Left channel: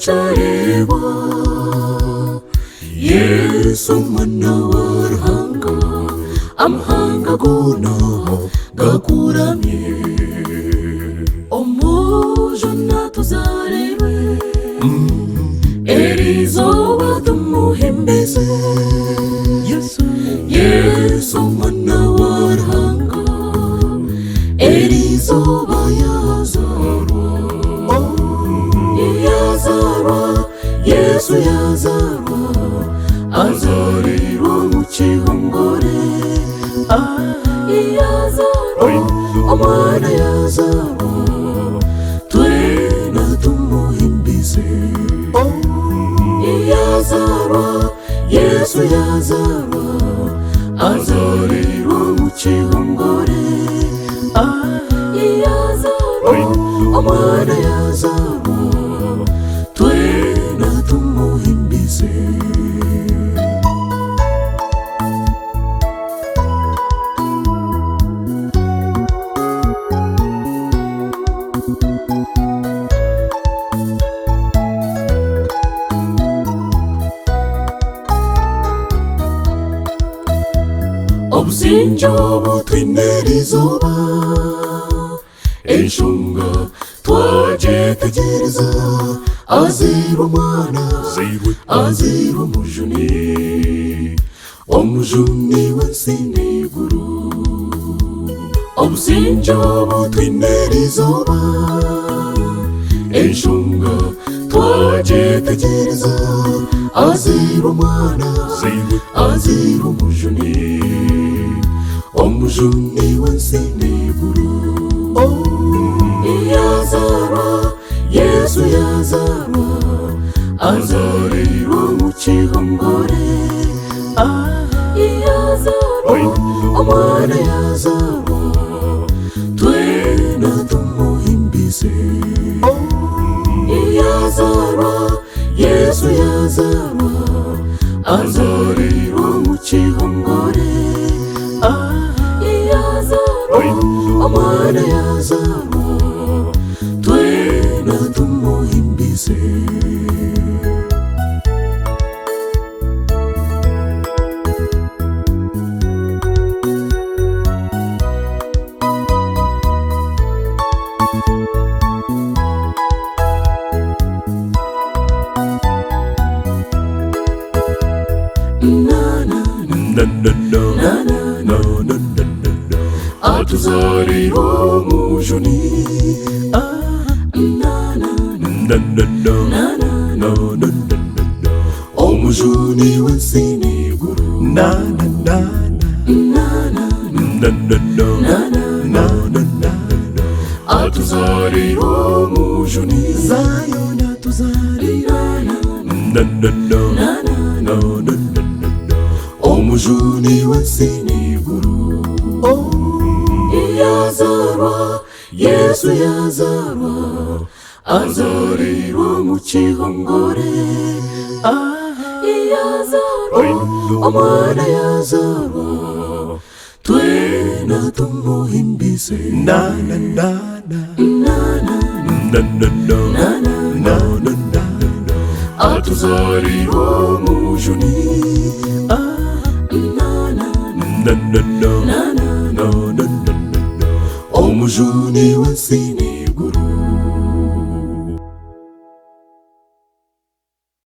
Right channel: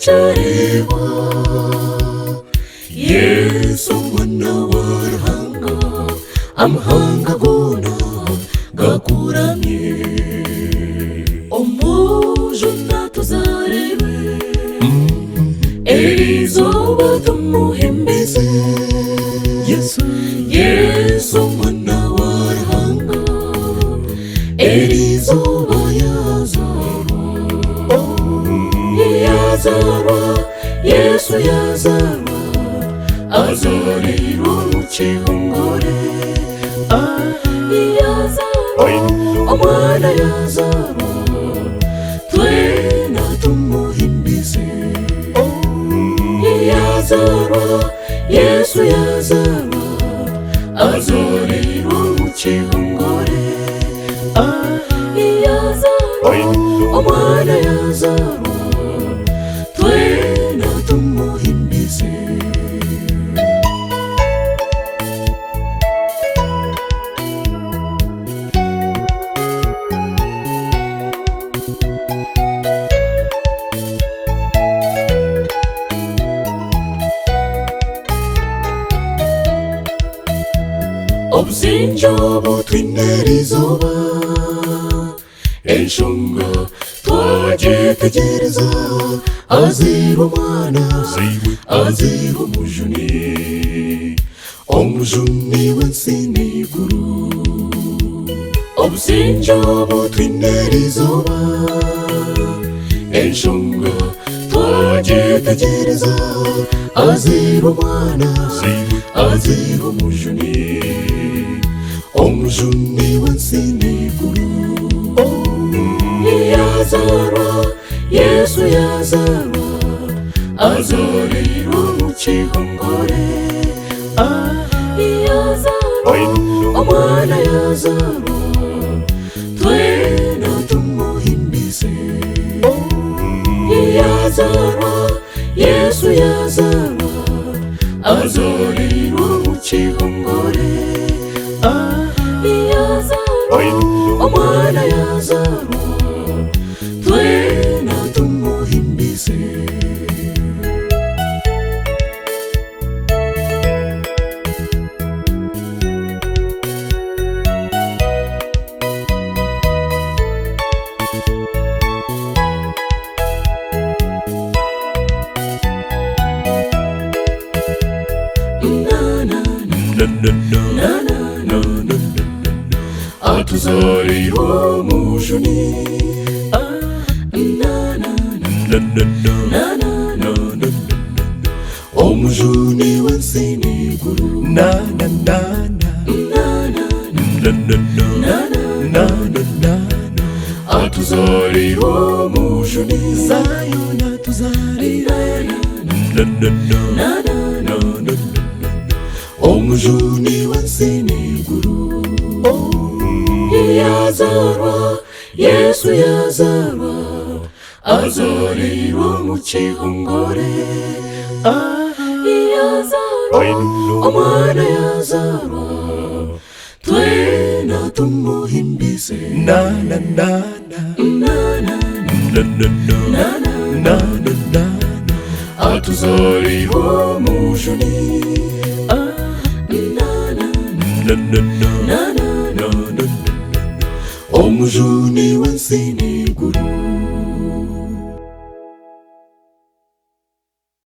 Yazaarwa Yesu mwana w'amahanga, amahanga gona gakuramye omujuna tuzarebe erizoba tumuhimbize Yesu mwana w'amahanga erizoba Yazaarwa Yesu Yazaarwa azarirwa mu kihongore Yazaarwa omwana Yazaarwa twena tumuhimbize Yazaarwa Yesu Yazaarwa azarirwa mu kihongore Yazaarwa omwana Yazaarwa twena tumuhimbize obusinjo butwinerizoba enshonga twajetegereza azira omwana azira omujuni w'ensi n'iguru obusinjo butwinerizoba enshonga twajetegereza azira omwana azira omujuni w'ensi n'iguru Yazaarwa Yesu Yazaarwa azarirwa mu kihongore Yazaarwa omwana Yazaarwa twena tumuhimbize Yazaarwa Yesu Yazaarwa azarirwa mu kihongore Yazaarwa omwana Yazaarwa twena tumuhimbize atuzarira omujuni omujuni w'ensi n'iguru atuzarira omujuni omujuni w'ensi n'iguru Yazaarwa Yesu Yazaarwa azarirwa mu kihongore Yazaarwa omwana Yazaarwa twena tumuhimbize atuzarira omujuni omujuni w'ensi n'iguru